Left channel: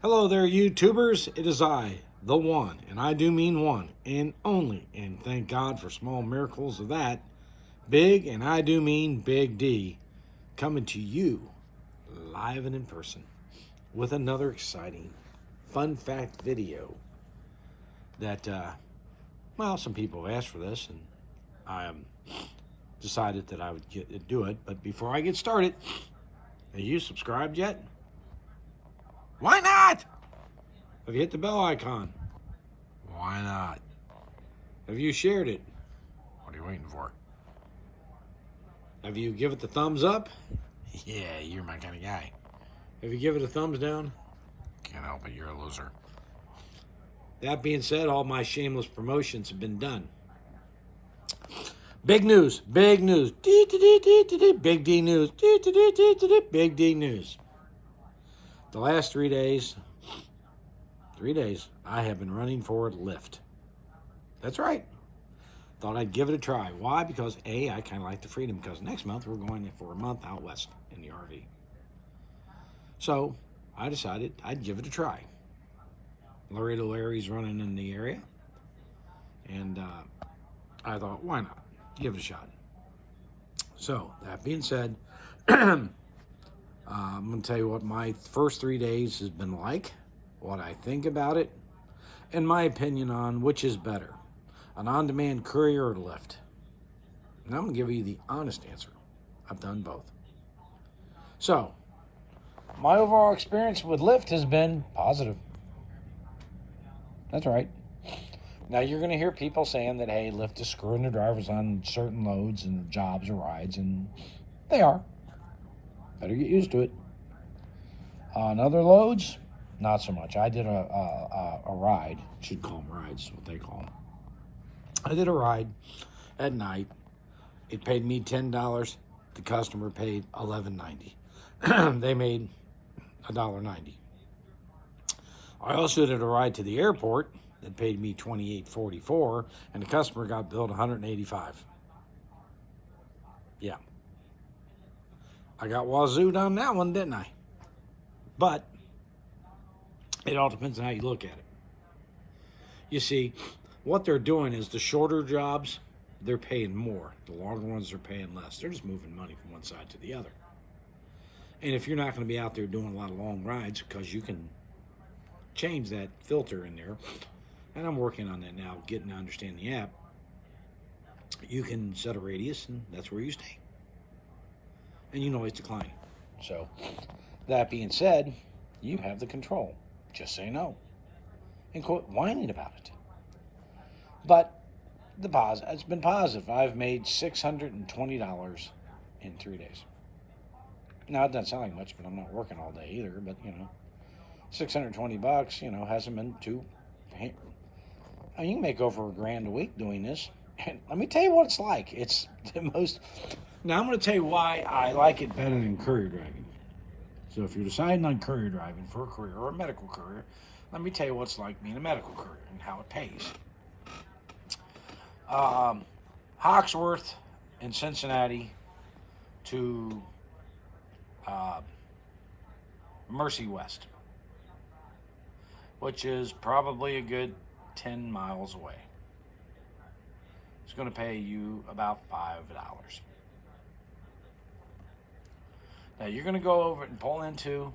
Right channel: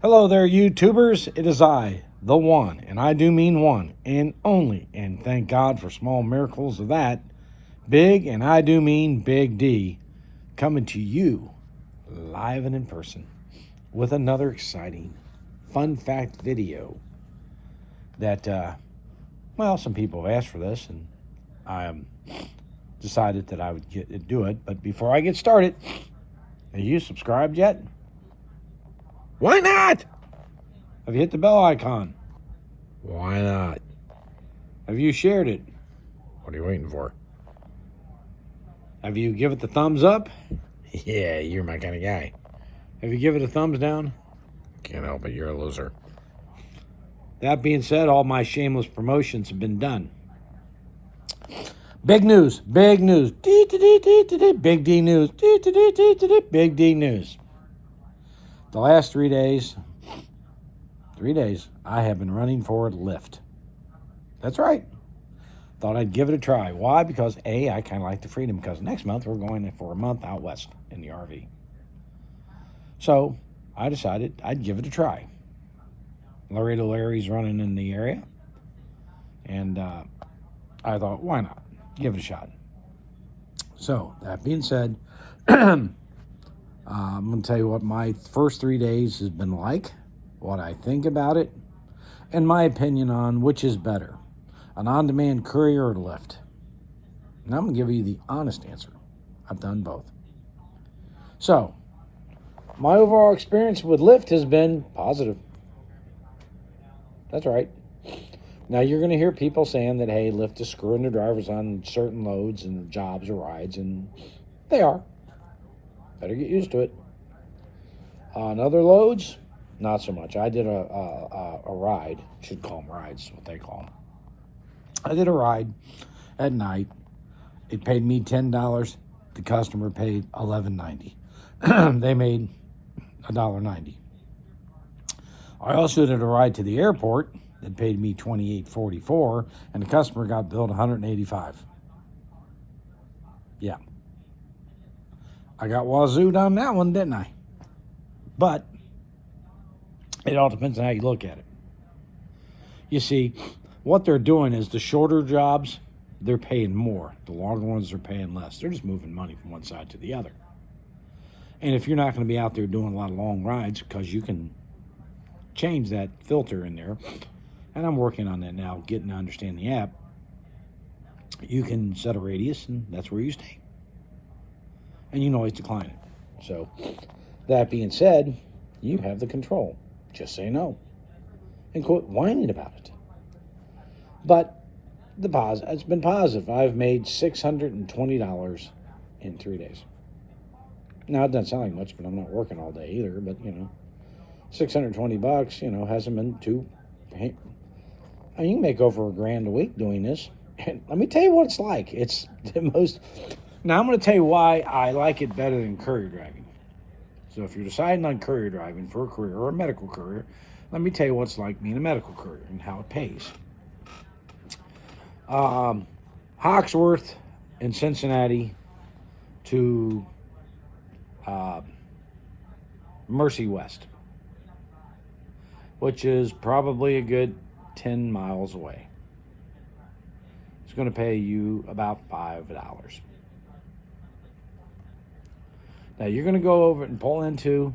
Hello there, YouTubers. It is I, the one, and I do mean one, and only, and thank God for small miracles of that. Big, and I do mean Big D, coming to you live and in person with another exciting fun fact video that, some people have asked for this, and I decided that I would do it. But before I get started, have you subscribed yet? Why not? Have you hit the bell icon? Why not? Have you shared it? What are you waiting for? Have you give it the thumbs up? Yeah, you're my kind of guy. Have you give it a thumbs down? Can't help it, you're a loser. That being said, all my shameless promotions have been done. Big news, big news. Big D news. Big D news. The last 3 days, I have been running for Lyft. That's right. Thought I'd give it a try. Why? Because A, I kind of like the freedom, because next month we're going for a month out west in the RV. So I decided I'd give it a try. Laredo Larry's running in the area, and I thought, why not? Give it a shot. So that being said, I'm going to tell you what my first 3 days has been like, what I think about it, and my opinion on which is better, an on-demand courier or Lyft. And I'm going to give you the honest answer. I've done both. So, my overall experience with Lyft has been positive. That's right. Now, you're going to hear people saying that, hey, Lyft is screwing the drivers on certain loads and jobs or rides, and they are. Better get used to it. On other loads, not so much. I did a ride. Should call them rides, what they call them. I did a ride at night. It paid me $10. The customer paid $11.90. They made $1.90. I also did a ride to the airport that paid me $28.44, and the customer got billed $185. Yeah. I got wazooed on that one, didn't I? But it all depends on how you look at it. You see, what they're doing is the shorter jobs, they're paying more. The longer ones, they're paying less. They're just moving money from one side to the other. And if you're not going to be out there doing a lot of long rides, because you can change that filter in there, and I'm working on that now, getting to understand the app, you can set a radius, and that's where you stay. And you can always decline it. So, that being said, you have the control. Just say no. And quit whining about it. But it's been positive. I've made $620 in 3 days. Now, it doesn't sound like much, but I'm not working all day either. But, $620, hasn't been too... I mean, you can make over $1,000 a week doing this. And let me tell you what it's like. It's the most... Now, I'm going to tell you why I like it better than courier driving. So if you're deciding on courier driving for a career or a medical courier, let me tell you what it's like being a medical courier and how it pays. Hawksworth in Cincinnati to Mercy West, which is probably a good 10 miles away. It's going to pay you about $5. Now, you're going to go over and pull into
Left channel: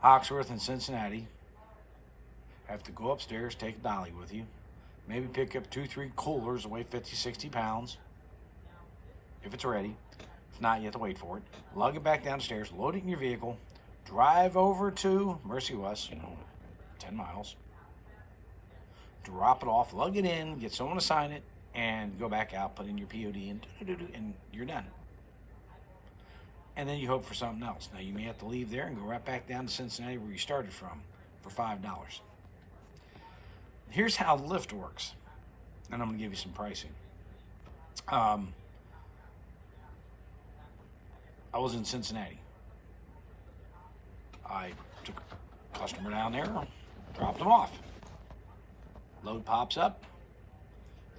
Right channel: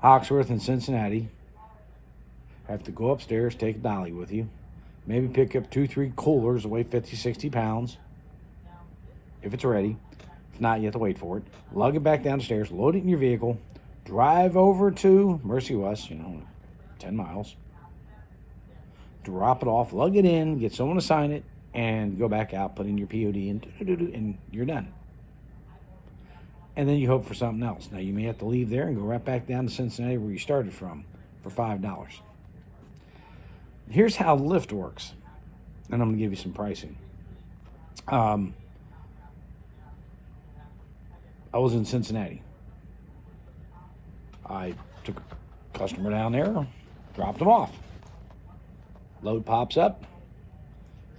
Hawksworth in Cincinnati. Have to go upstairs, take a dolly with you. Maybe pick up 2-3 coolers that weigh 50, 60 pounds. If it's ready. If not, you have to wait for it. Lug it back downstairs, load it in your vehicle, drive over to Mercy West, 10 miles. Drop it off, lug it in, get someone to sign it, and go back out, put in your POD, and you're done. And then you hope for something else. Now, you may have to leave there and go right back down to Cincinnati where you started from for $5. Here's how Lyft works, and I'm going to give you some pricing. I was in Cincinnati. I took a customer down there, dropped them off. Load pops up,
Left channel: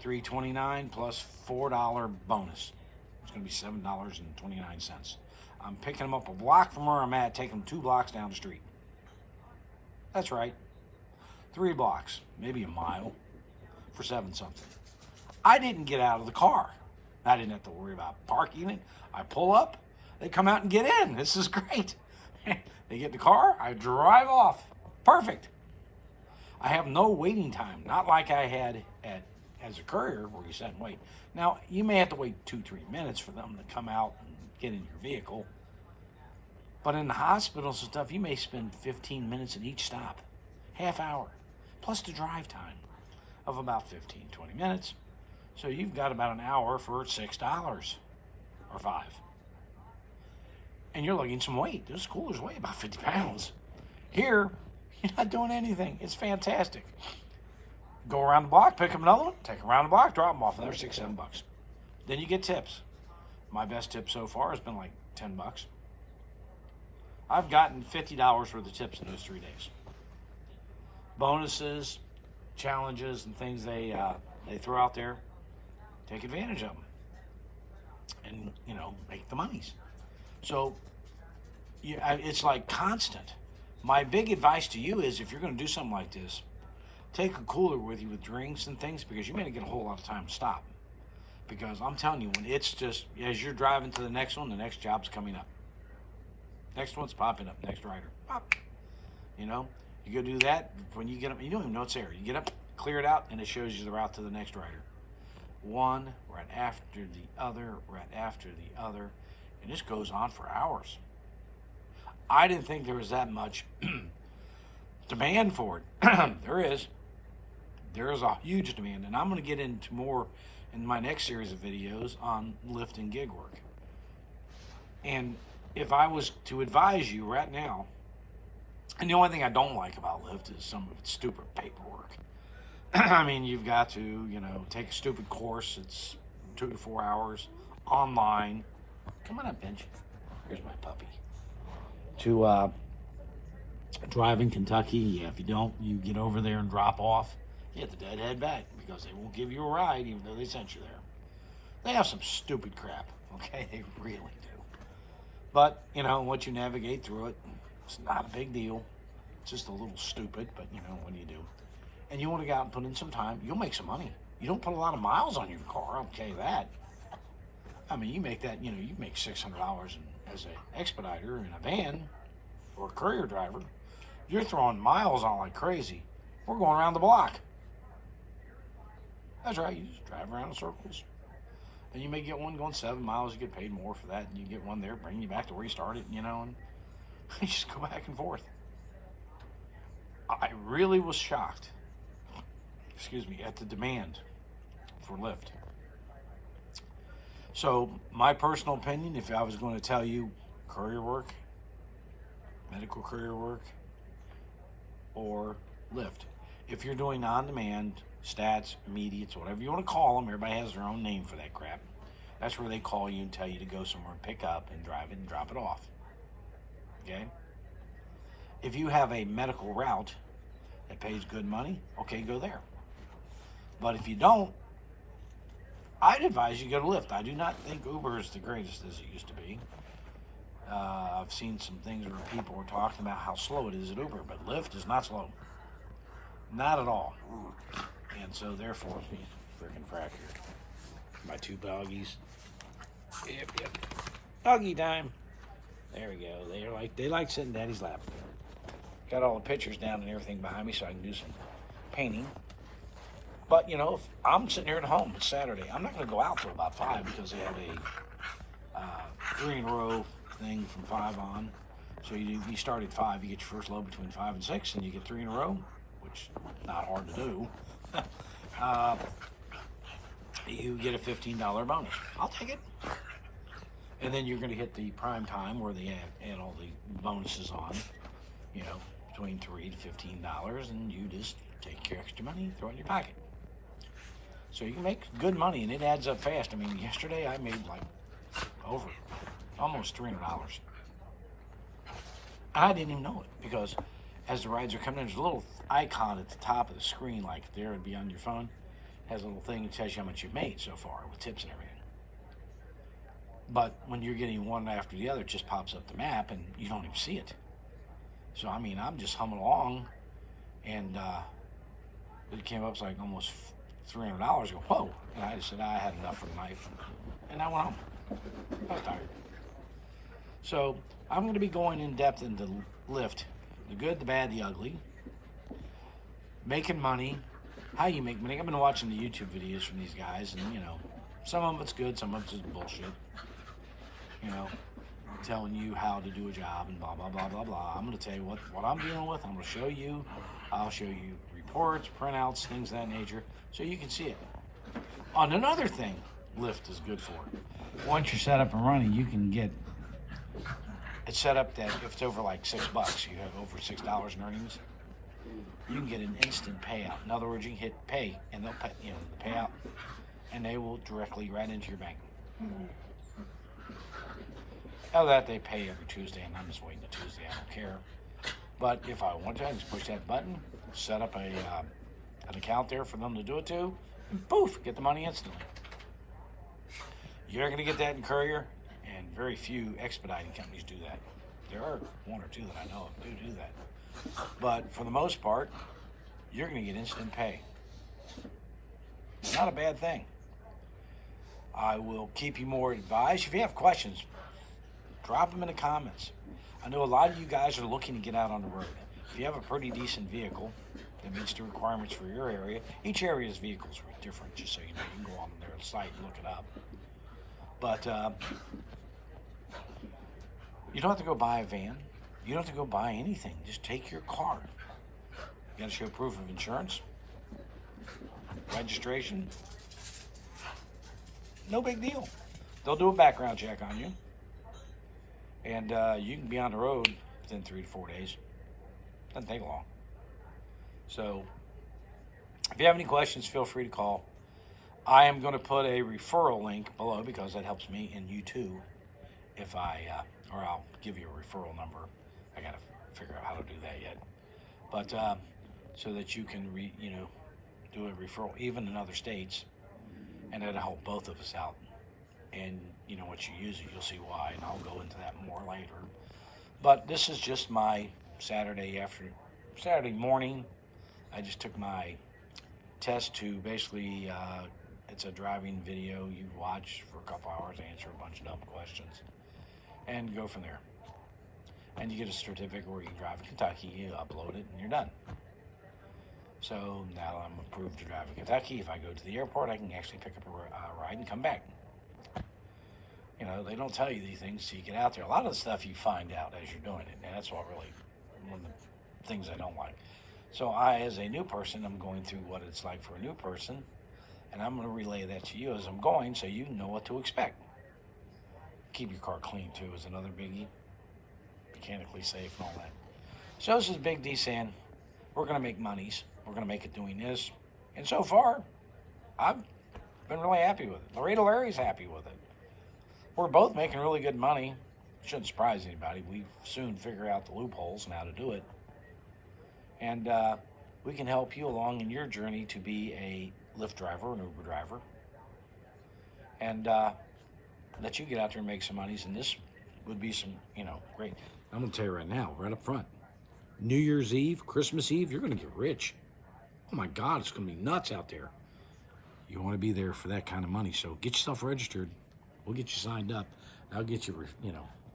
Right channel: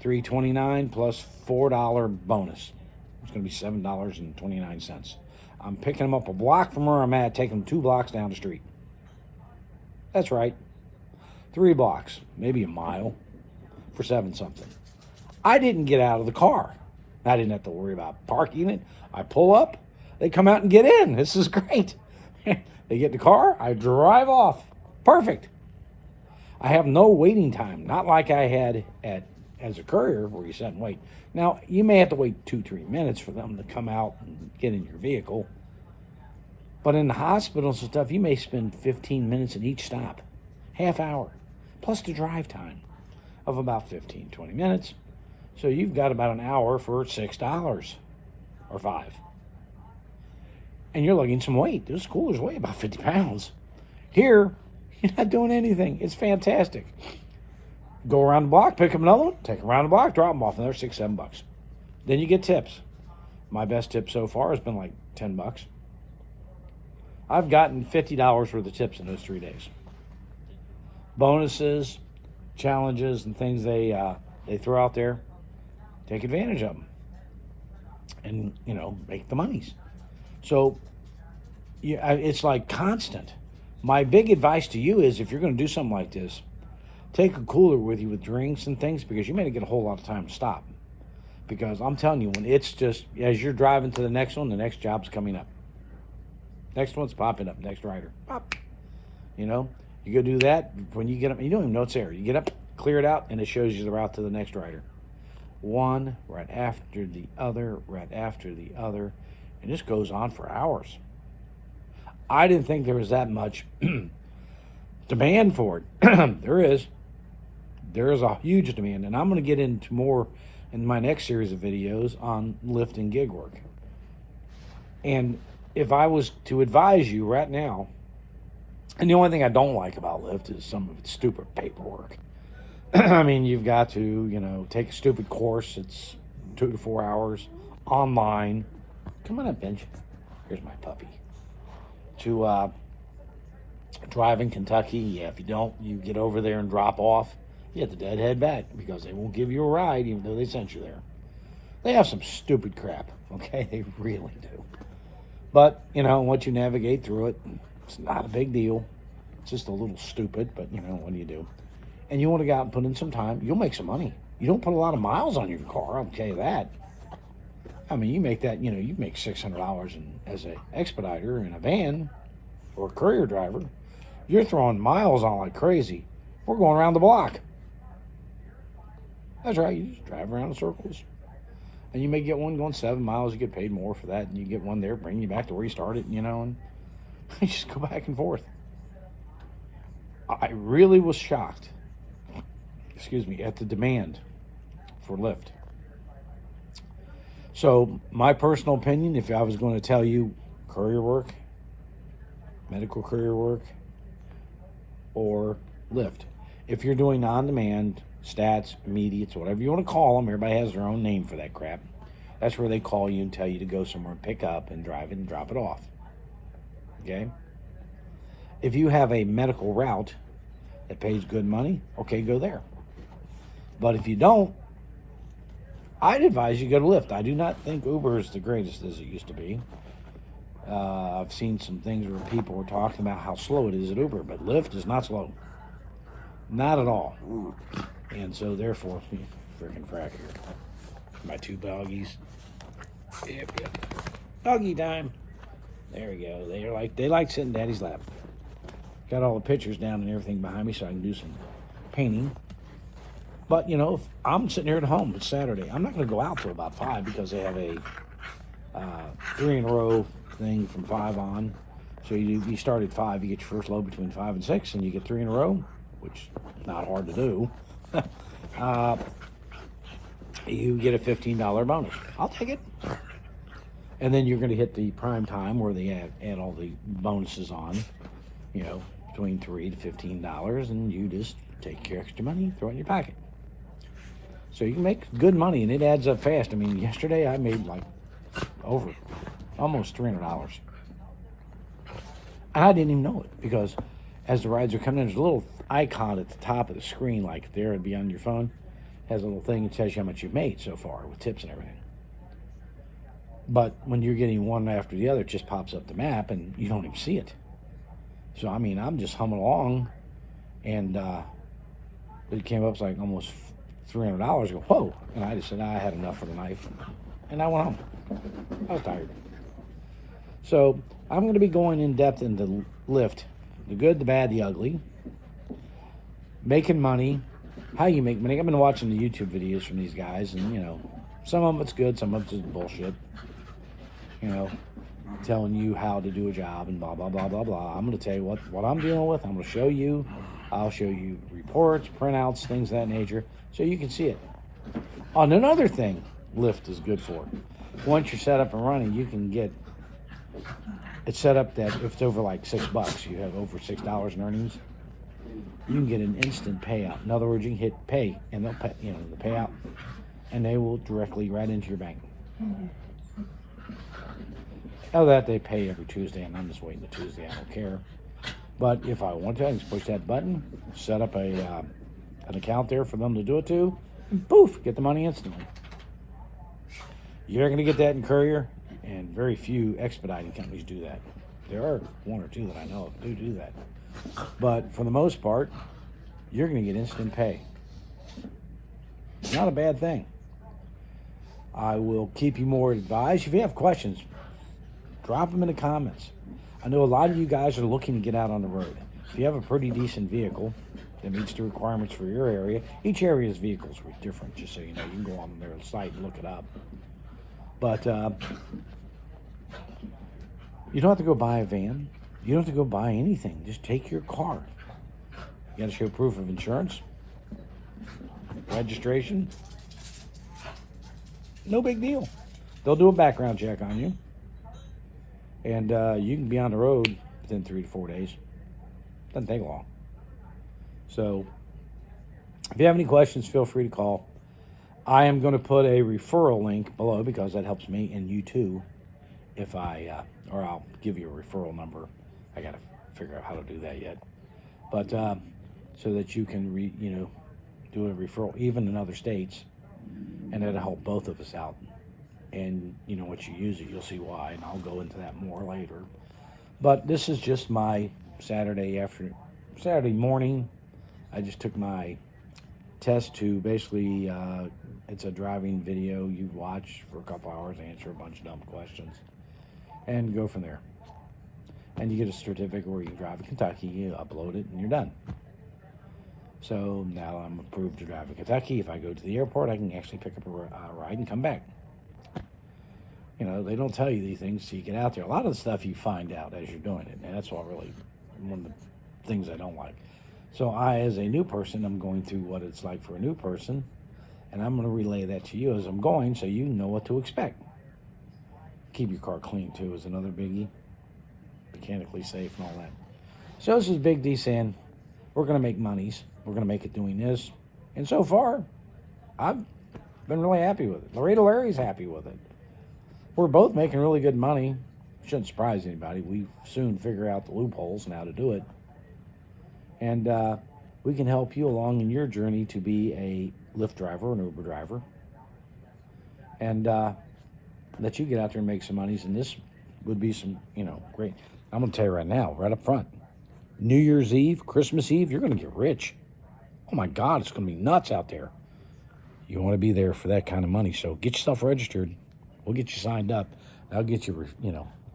$3.29 plus $4 bonus. It's going to be $7.29. I'm picking them up a block from where I'm at, taking them 2 blocks down the street. That's right. 3 blocks, maybe a mile for 7 something. I didn't get out of the car. I didn't have to worry about parking it. I pull up, they come out and get in. This is great. They get in the car, I drive off. Perfect. I have no waiting time, not like I had as a courier where you sit and wait. Now, you may have to wait 2-3 minutes for them to come out and get in your vehicle. But in the hospitals and stuff, you may spend 15 minutes at each stop, half hour, plus the drive time of about 15-20 minutes. So you've got about an hour for $6 or $5. And you're lugging some weight. Those coolers weigh about 50 pounds. Here, you're not doing anything. It's fantastic. Go around the block, pick up another one, take them around the block, drop them off, and they're $6-7. Then you get tips. My best tip so far has been like $10. I've gotten $50 worth of tips in those 3 days. Bonuses, challenges, and things they throw out there. Take advantage of them, and make the monies. So, yeah, it's like constant. My big advice to you is, if you're going to do something like this, take a cooler with you with drinks and things, because you may not get a whole lot of time to stop. Because I'm telling you, when it's just, as you're driving to the next one, the next job's coming up. Next one's popping up, next rider. Pop. You go do that. When you get up, you don't even know it's there. You get up, clear it out, and it shows you the route to the next rider. One right after the other, right after the other. And this goes on for hours. I didn't think there was that much demand for it. There is. There is a huge demand, and I'm going to get into more in my next series of videos on Lyft and gig work. And if I was to advise you right now, and the only thing I don't like about Lyft is some of its stupid paperwork. I mean, you've got to, take a stupid course. It's 2 to 4 hours online. Come on up, Benj. Here's my puppy. To drive in Kentucky. Yeah, if you don't, you get over there and drop off. You have to deadhead back, because they won't give you a ride even though they sent you there. They have some stupid crap, okay? They really do. But, once you navigate through it, it's not a big deal. It's just a little stupid, but, what do you do? And you want to go out and put in some time, you'll make some money. You don't put a lot of miles on your car, I'll tell you that. I mean, you make that, you make $600 as an expediter in a van or a courier driver. You're throwing miles on like crazy. We're going around the block. That's right, you just drive around in circles. And you may get one going 7 miles, you get paid more for that, and you get one there, bring you back to where you started, and you just go back and forth. I really was shocked, at the demand for Lyft. So, my personal opinion, if I was going to tell you courier work, medical courier work, or Lyft, if you're doing on-demand, stats, immediates, whatever you want to call them, everybody has their own name for that crap. That's where they call you and tell you to go somewhere and pick up and drive it and drop it off. Okay? If you have a medical route that pays good money, okay, go there. But if you don't, I'd advise you go to Lyft. I do not think Uber is the greatest as it used to be. I've seen some things where people were talking about how slow it is at Uber, but Lyft is not slow. Not at all. And so therefore, freaking frack here. My 2 doggies. Yep. Doggy time. There we go. They like sitting in Daddy's lap. Got all the pictures down and everything behind me so I can do some painting. But, if I'm sitting here at home, it's Saturday. I'm not going to go out till about 5 because they have a 3 in a row thing from 5 on. So you start at 5, you get your first load between 5 and 6, and you get 3 in a row, which is not hard to do. You get a $15 bonus. I'll take it. And then you're going to hit the prime time where they add all the bonuses on, between $3 to $15, and you just take your extra money, throw it in your pocket. So you can make good money, and it adds up fast. I mean, yesterday I made like almost $300. And I didn't even know it, because as the rides are coming in, there's a little icon at the top of the screen, like there would be on your phone. It has a little thing that tells you how much you've made so far with tips and everything. But when you're getting one after the other, it just pops up the map and you don't even see it. So, I mean, I'm just humming along, and it came up like almost $300. I go, whoa. And I just said, I had enough for the night. And I went home. I was tired. So, I'm going to be going in depth into Lyft, the good, the bad, the ugly, making money, how you make money. I've been watching the YouTube videos from these guys, and, you know, some of it's good, some of it's just bullshit. You know, telling you how to do a job and blah, blah, blah, blah, blah. I'm going to tell you what I'm dealing with. I'm going to show you. I'll show you reports, printouts, things of that nature, so you can see it. On another thing Lyft is good for, once you're set up and running, you can get it set up that if it's over like $6, you have over $6 in earnings, you can get an instant payout. In other words, you can hit pay, and they'll pay, you know, the payout, and they will directly right into your bank. Other than that, they pay every Tuesday, and I'm just waiting the Tuesday. I don't care. But if I want to, I can just push that button, set up an account there for them to do it to, and poof, get the money instantly. You're not going to get that in Courier, and very few expediting companies do that. There are one or two that I know of do that. But for the most part, you're going to get instant pay. It's not a bad thing. I will keep you more advised. If you have questions, drop them in the comments. I know a lot of you guys are looking to get out on the road. If you have a pretty decent vehicle that meets the requirements for your area, each area's vehicles are different, just so you know. You can go on their site and look it up. But you don't have to go buy a van. You don't have to go buy anything. Just take your car. You got to show proof of insurance, registration. No big deal. They'll do a background check on you. And you can be on the road within 3 to 4 days. Doesn't take long. So, if you have any questions, feel free to call. I am going to put a referral link below because that helps me and you too. If or I'll give you a referral number. I got to figure out how to do that yet. But so that you can, do a referral even in other states, and that'll help both of us out. And once you use it, you'll see why, and I'll go into that more later. But this is just my Saturday morning. I just took my test to basically, it's a driving video you watch for a couple hours, answer a bunch of dumb questions, and go from there. And you get a certificate where you can drive in Kentucky, you upload it, and you're done. So now I'm approved to drive in Kentucky. If I go to the airport, I can actually pick up a ride and come back. They don't tell you these things till you get out there. A lot of the stuff you find out as you're doing it, and that's what really one of the things I don't like. So I, as a new person, I'm going through what it's like for a new person, and I'm going to relay that to you as I'm going so you know what to expect. Keep your car clean, too, is another biggie. Mechanically safe and all that. So this is Big D saying, we're going to make monies. We're going to make it doing this. And so far, I've been really happy with it. Larry's happy with it. We're both making really good money. Shouldn't surprise anybody. We soon figure out the loopholes and how to do it. And we can help you along in your journey to be a Lyft driver, an Uber driver. And let you get out there and make some monies. And this would be some, great. I'm going to tell you right now, right up front. New Year's Eve, Christmas Eve, you're going to get rich. Oh my God, it's going to be nuts out there. You want to be there for that kind of money. So get yourself registered. We'll get you signed up. I'll get you,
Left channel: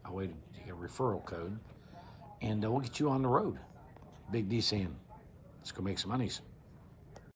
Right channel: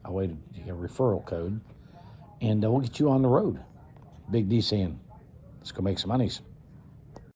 a way to get a referral code, and we'll get you on the road. Big D saying, let's go make some monies.